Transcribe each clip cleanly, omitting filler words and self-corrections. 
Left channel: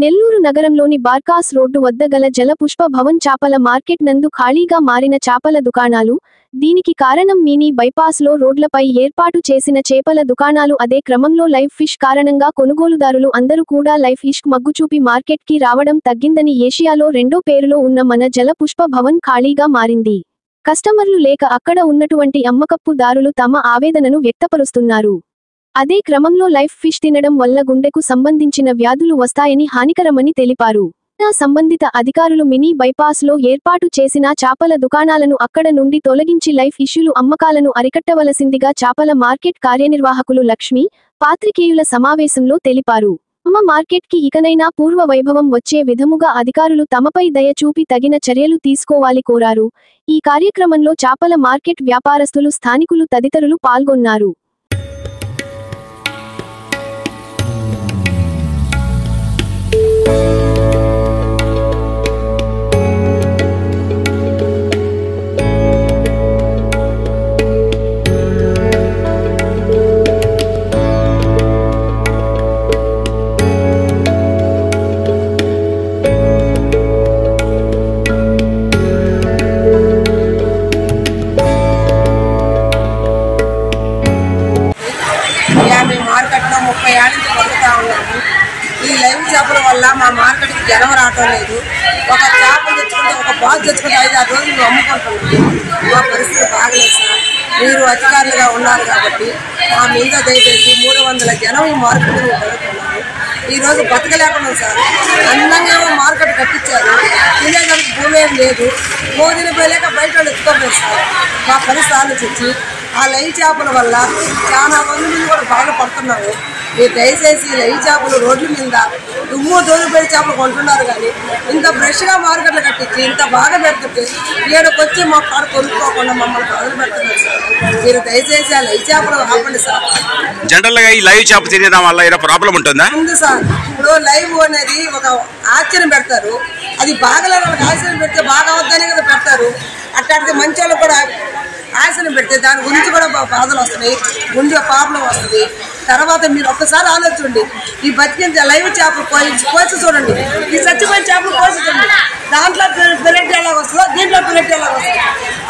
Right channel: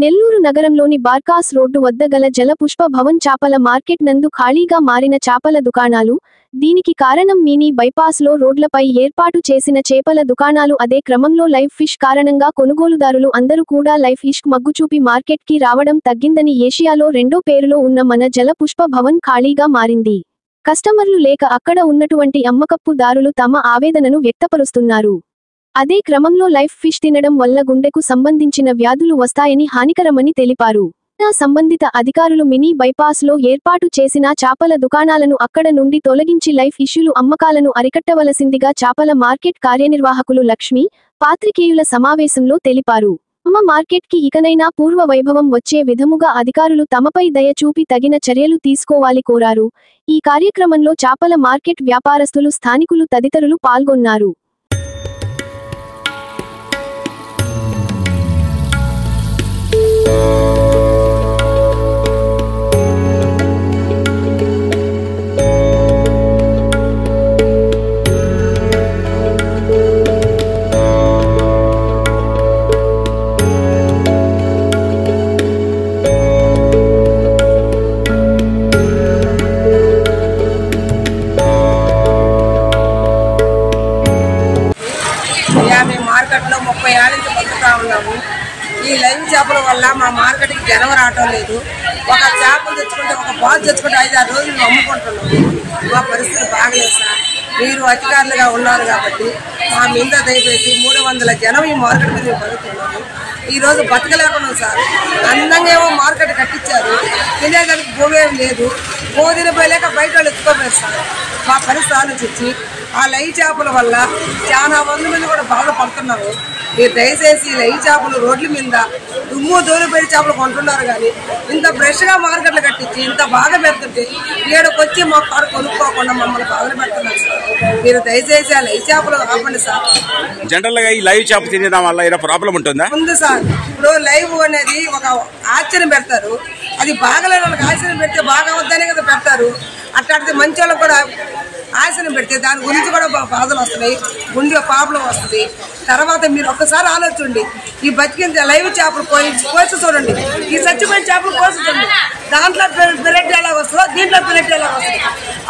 నెల్లూరు నగరంలోని బార్కాస్ రోడ్డు వద్ద గల జలపుష్ప భవన్ చాపల మార్కెట్ నందు ఖాళీగా మారిన చాపల దుకాణాలు. దీనికి కారణం మినీ బైపాస్లో రోడ్లపై ఏర్పాటు చేసిన చేపల దుకాణాలు. అదే క్రమంలో లైవ్ ఫిష్ కారణంగా కొనుగోలుదారులు అందరూ కూడా లైవ్ ఫిష్ మగ్గుచూపి మార్కెట్కి రావడం తగ్గిందని ఏషియాలో రెండో పేరులో ఉన్న మన జలపుష్ప భవన్ ఖాళీగా మారింది. కస్టమర్లు లేక అక్కడ ఉన్నటువంటి అమ్మకప్పుదారులు తమ ఆవేదనను వ్యక్తపరుస్తున్నారు. అదే క్రమంలో లైవ్ ఫిష్ తినడం వల్ల గుండెకు సంబంధించిన వ్యాధులు వస్తాయని హానికరమని తెలిపారు. సంబంధిత అధికారులు మినీ బైపాస్లో ఏర్పాటు చేసిన చాపల దుకాణాలను అక్కడ నుండి తొలగించి లైవ్ ఫిష్లు అమ్మకాలను అరికట్టవలసిందిగా చాపల మార్కెట్ కార్యనిర్వాహకులు లక్ష్మి పాత్రికేయుల సమావేశంలో తెలిపారు. మార్కెట్కి ఇకనైనా పూర్వ వైభవం వచ్చే విధముగా అధికారులు తమపై దయ చూపి తగిన చర్యలు తీసుకోవాలి కోరారు. ఈ కార్యక్రమంలో చాపల మార్కెట్ వ్యాపారస్తులు, స్థానికులు తదితరులు పాల్గొన్నారు. మార్కెట్లో 30 ఏళ్ళ నుంచి బతుకుతా ఉన్నాము. ఈ లైవ్ చేపల వల్ల మా మార్కెట్కి జనం రావటం లేదు. ఒక చేపలు తెచ్చుకుంటే, ఒక బాల్ తెచ్చుకుంటే 5-6 రోజులు మేము అమ్ముకుంటున్నాము. మా పరిస్థితి బాగలేదు సార్. మీరు అధికారులుగా ఉన్నారు కాబట్టి మా మీద దయచేసి 300 జనం ఈ మార్కెట్కి మేము బతుకుతున్నాము. ఈరోజు బతకలేకున్నాం సార్. అందంగా ఏమో మార్కెట్ కట్టించారు, తినేదానికి భూమి ఏం లేదు. భోజన పోయలేక బయట వాళ్ళు ఎత్తుకోలేదు సార్. మా పరిస్థితి ఆలోచించి ఆ లైవ్ చేపల వల్ల చాలా మంది కూడా బాధపడుతున్నాము. మీరు దయచేసి లైవ్ చేపలు రోడ్ల మీద దుమ్ము దోలుబెడి చేపలు కొంటున్నారు, కానీ ఇంత ఫ్రెష్గా మార్కెట్లు కట్టించి ఇంత బాగా పెడుతుంటే ఏడుకు వచ్చి మా కారు కొనుక్కోకుండా మమ్మల్ని బాధలు పెడుతున్నారు సార్. మీరు దయచేసి ఆ లైవ్ చేపలు ఆపండి సార్. జనరల్గా ఈ లైవ్ చేప తినడం వల్ల ఏదో ప్రాబ్లం ఉంటుందా? ఉంది సార్. ఇప్పుడు లైవ్ అనేది ఒక ఆశ్చర్యం పెడతారు, అది బాగలేని వాళ్ళకి ఆశ్చర్యం పెడితే బాగా వద్దనే కదా పెడతారు. అట్లాంటిది మంచి వాళ్ళకి కూడా ఆశను పెడితే దాని గురించి కూడా బాధలు వస్తున్నాయి, గుండె ప్రాబ్లం వస్తుంది. తర్వాత మీరు ఒక్కసారి ఆలోచించండి, ఈ బతికిన లైవ్ చేపలు కోసి చూడండి, ఈ చచ్చిపోయిన చేపలు కోసి చూడండి. దాంట్లో బ్రెడ్ ఎలాగ వస్తుందో దీంట్లో బ్రెడ్ ఎలాగ వస్తుంది.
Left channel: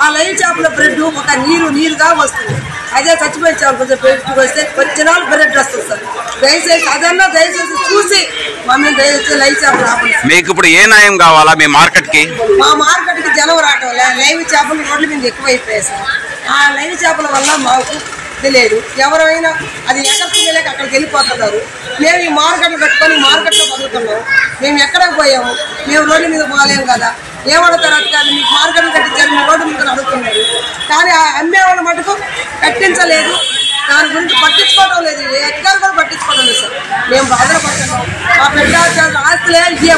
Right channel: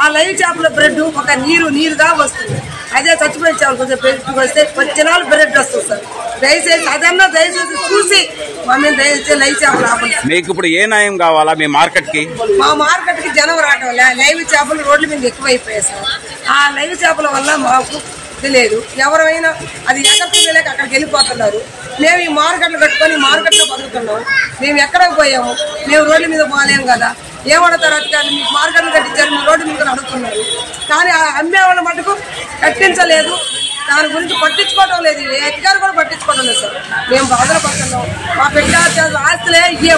ఆ లైవ్ చేపల బ్రెడ్ ఒక నీరుగా వస్తుంది. అదే చచ్చిపోయిన చేపలు కొంచెం బ్రెడ్ వస్తే కొంచెం నాలుగు బ్రెడ్ వస్తుంది సార్. దయచేసి అదన్నా దయచేసి చూసి మమ్మల్ని దయచేసి లైవ్ చేపలు ఆపండి. మీకు ఇప్పుడు ఏ న్యాయం కావాలా మీ మార్కెట్కి? మా మార్కెట్కి జనం రావటం లైవ్ చేపలు రోడ్ల మీద ఎక్కువైపోయాయి సార్. ఆ లైవ్ చేపల వల్ల మాకు తెలియదు, ఎవరైనా అది ఎక్కడికి తెలియక అక్కడికి వెళ్ళిపోతున్నారు. మేము ఈ మార్కెట్లు కట్టుకొని మార్కెట్లో బతుకుతున్నాము. మేము ఎక్కడికి పోయాము, మేము రోడ్ల మీద పోలేము కదా. ఏమడతారు అధికారులు, మీకు మార్కెట్లు కట్టించారు, మీ రోడ్డు మీద అడుగుతున్నారు. కానీ ఆ అమ్మే వాళ్ళ మటుకు కట్టించలేదు, దాని గురించి పట్టించుకోవడం లేదు. ఏ అధికారులు కూడా పట్టించుకోవడం లేదు సార్. మేము బాధలు పడుతున్నాం. మా బిడ్డ ఆస్తులే ఇయ్యే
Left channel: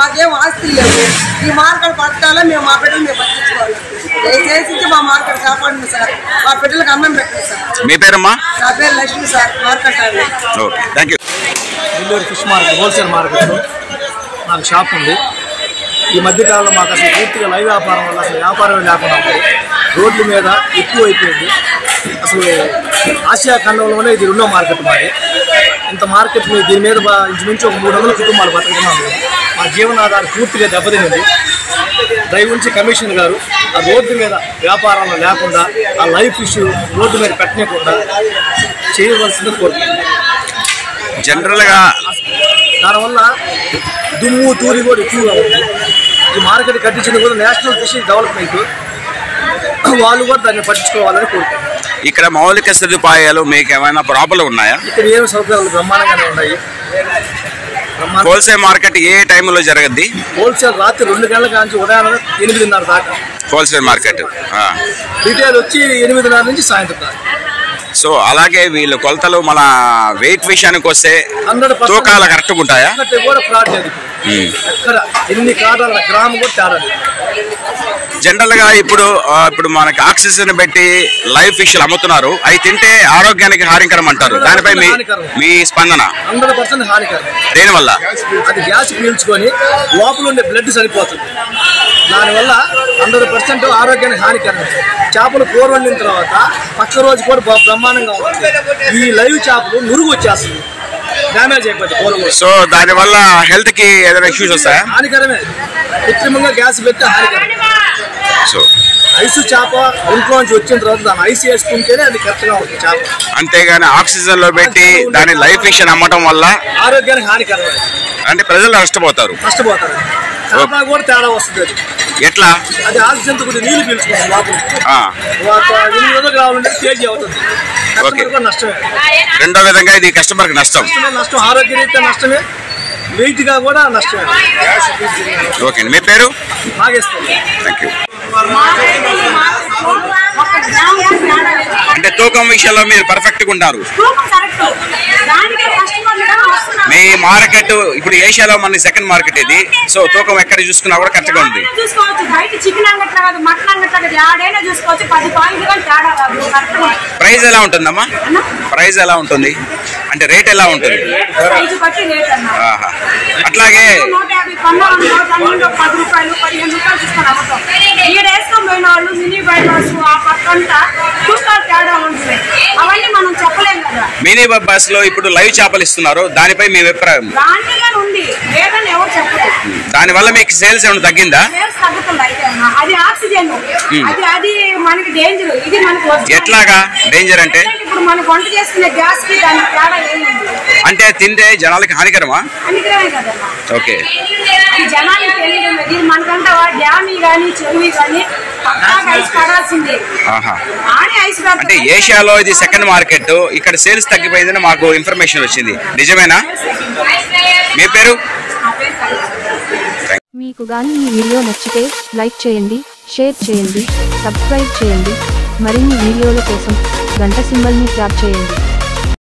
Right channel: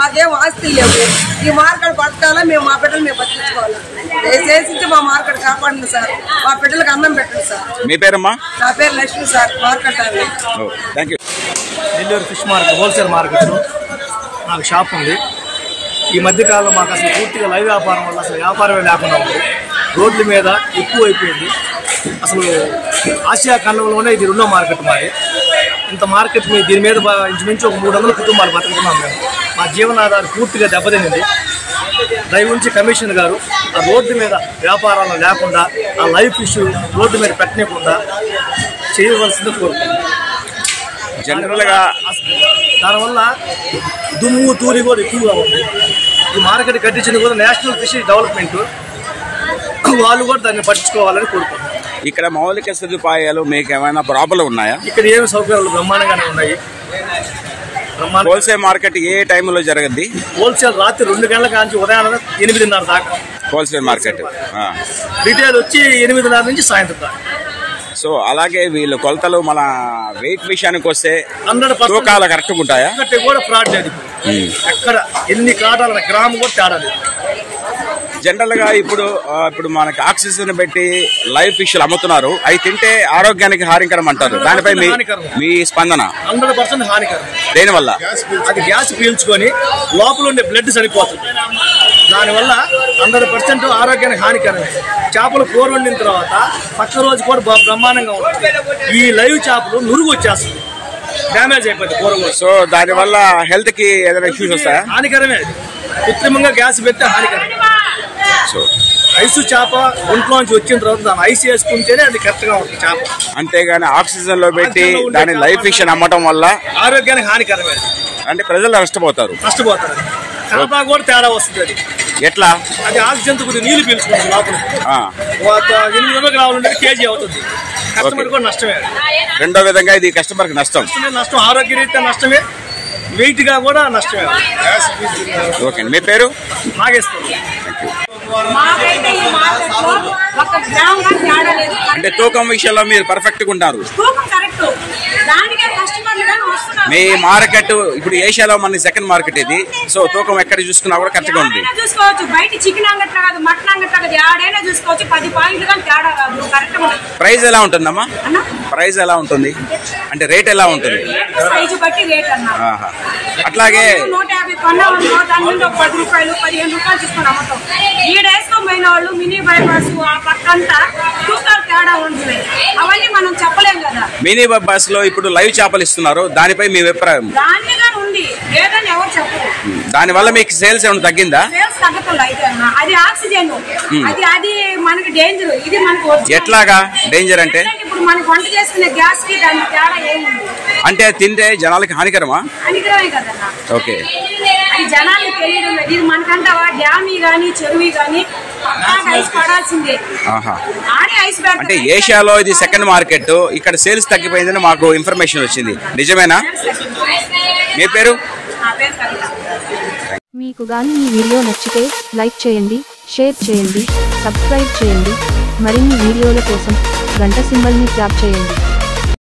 మాకేం ఆస్తులు లేవు. ఈ మార్కెట్ పట్టాలా, మేము మా బిడ్డలు మేము పట్టించుకోవాలి. దయచేసి మా మార్కెట్ కాపాడండి సార్. మా బిడ్డలకు అన్నం పెట్టండి సార్. మీ పేరమ్మా? నా పేరు Lakshmi sir, market. Thank you. Nellore fish market wholesale మార్కెట్లో నాకు షాప్ ఉంది. ఈ మధ్యకాలంలో మాకు అసలు పూర్తిగా లైవ్ వ్యాపారం వల్ల అసలు వ్యాపారమే లేకుండా ఉంది. రోడ్ల మీద ఎక్కువ అయిపోయింది. అసలు ఆసియా ఖండంలోనే ఇది రెండో మార్కెట్ మాది. ఇంత మార్కెట్ మీద దీని మీద ఇంచుమించు ఒక 300 కుటుంబాలు బతుకుతున్నాము. మా జీవనాధారం పూర్తిగా దెబ్బతినింది. దయవుంచి కమిషనర్ గారు ఆ రోడ్డు మీద వ్యాపారాలు లేకుండా, ఆ లైవ్ ఫిష్ రోడ్డు మీద పెట్టకుండా చేయవలసింది కోరుతున్నాం. జనరల్గా దానివల్ల దుమ్ము తూరి కూడా ఎక్కువగా ఉంది. ఈ మార్కెట్ కట్టించింది కూడా నేషనల్ ఫిషింగ్ డెవలప్మెంట్, వాళ్ళు కూడా దాన్ని పట్టించుకోవాలని కోరుకుంటున్నాం. ఇక్కడ మౌలిక సదుపాయాలు మీకు ఏమైనా ప్రాబ్లం ఉన్నాయా? ఇక్కడ ఏమి సౌకర్యాలు బ్రహ్మాండంగానే ఉన్నాయి. హోల్సేల్ మార్కెట్ ఏ టైంలో జరగద్ది? హోల్సేల్ రాత్రి 2 గంటల నుంచి ఉదయం 8:30 దాకా హోల్సేల్ మార్కెట్. రిటైల్ వచ్చి 8:30 నుంచి సాయంత్రం దాకా. సో అలాగే వీళ్ళు కొలతలు మన వెయిట్ విషయానికి వస్తే తూకాలు కరెక్ట్గా ఉంటాయా? కూడా ఫ్రాడ్ లేదు. ఎక్కడ ఎన్ని కాటాల గ్రామం కూడా తేడా లేదు. జనరల్గా ఇప్పుడు మనకి ఆక్సిజన్ పెట్టి లైవ్ ఫిష్లు అమ్ముతున్నారు, అవి తింటే ఆరోగ్యానికి హానికరం అంటారు. దానిపై మీ స్పందన? 100% హానికరం. దేనివల్ల? అది గ్యాస్ పీల్చుకొని లోపల ఉండే బ్లడ్ సరిపోతుంది. దానివల్ల 100% ఆరోగ్యానికి హానికరం. చేపలు కూర వండిన తర్వాత పక్క రోజు కూడా బ్రహ్మాండంగా ఉంటుంది. ఈ లైవ్ చేపలు నురుగు వచ్చేస్తుంది. డ్యామేజ్ అయిపోతుంది కూర కూడా. సో దాని వల్ల హెల్త్ కి ఏదైనా ఇష్యూస్ వస్తాయా? హానికరమే, కృత్రిమంగా గ్యాస్ పెడితే హానికరం. సో ఐసు చేప ఒంట్లోంచి వచ్చిన తర్వాత దాన్ని ఐస్ వేసుకుంటేనే అది కరెక్ట్ గా ఉంటుంది చేప. అంతేగాని ఆక్సిజన్ లో పెట్టి దాని లైఫ్ ఫిష్ అమ్మటం వల్ల ఆరోగ్యానికి హానికరమే, అంటే ప్రజలు నష్టపోతారు. చేప కూడా తేడా వస్తుంది. అది ఎట్లా? అది ఆక్సిజన్ తో కొద్దిగా నీళ్లు పీల్చుకుంటుంది లోపల. 800 గ్రాములు కేజీ అవుతుంది. కస్టమర్ కూడా నష్టమే. రెండో విధంగా ఇది కస్టమర్ కి నష్టం. ఆరోగ్య రీత్యా నష్టమే, వెయిట్ గా కూడా నష్టమే. ఓకే, మీ పేరు? నాగేశ్వరం. Thank you. అంటే తూకం విషయంలో మీరు పర్ఫెక్ట్ గా ఉన్నారు. మీ మార్కెట్ ఇప్పుడు ఏషియాలో మన సెకండ్ మార్కెట్ ఇది. సో తూకం ఎక్కడ చూసుకున్నా కూడా కరెక్ట్ గా ఉంది. ప్రైస్ ఎలా ఉంటుందమ్మా? ప్రైస్ ఎలా ఉంటుంది అంటే రేట్ ఎలా ఉంటుంది? అట్లాగే మినీ బస్ లో ఇప్పుడు లైవ్ చేపలు ఇస్తున్నారు, దానిపై మీ అభిప్రాయం? దాని వల్ల మీకు సేల్స్ ఏమైనా తగ్గిందా? ఎట్లాగా డేంజర్ అంటే? అంటే తింటే జనాలకి హానికరమా? ఓకే. అంటే ఏషియాలో ఇది సెకండ్ మార్కెట్, ఇక్కడ సేల్స్ తగ్గిపోయిందని మాకు ఇన్ఫర్మేషన్ వచ్చింది, నిజమేనా? మీ పేరు? మీకు గాని ఈ వీడియో నచ్చితే లైక్ చేయండి, షేర్ చేయండి, సబ్స్క్రైబ్ చేయండి. మరిన్ని వీడియోల కోసం గంట సింబల్ ని ట్యాప్ చేయండి.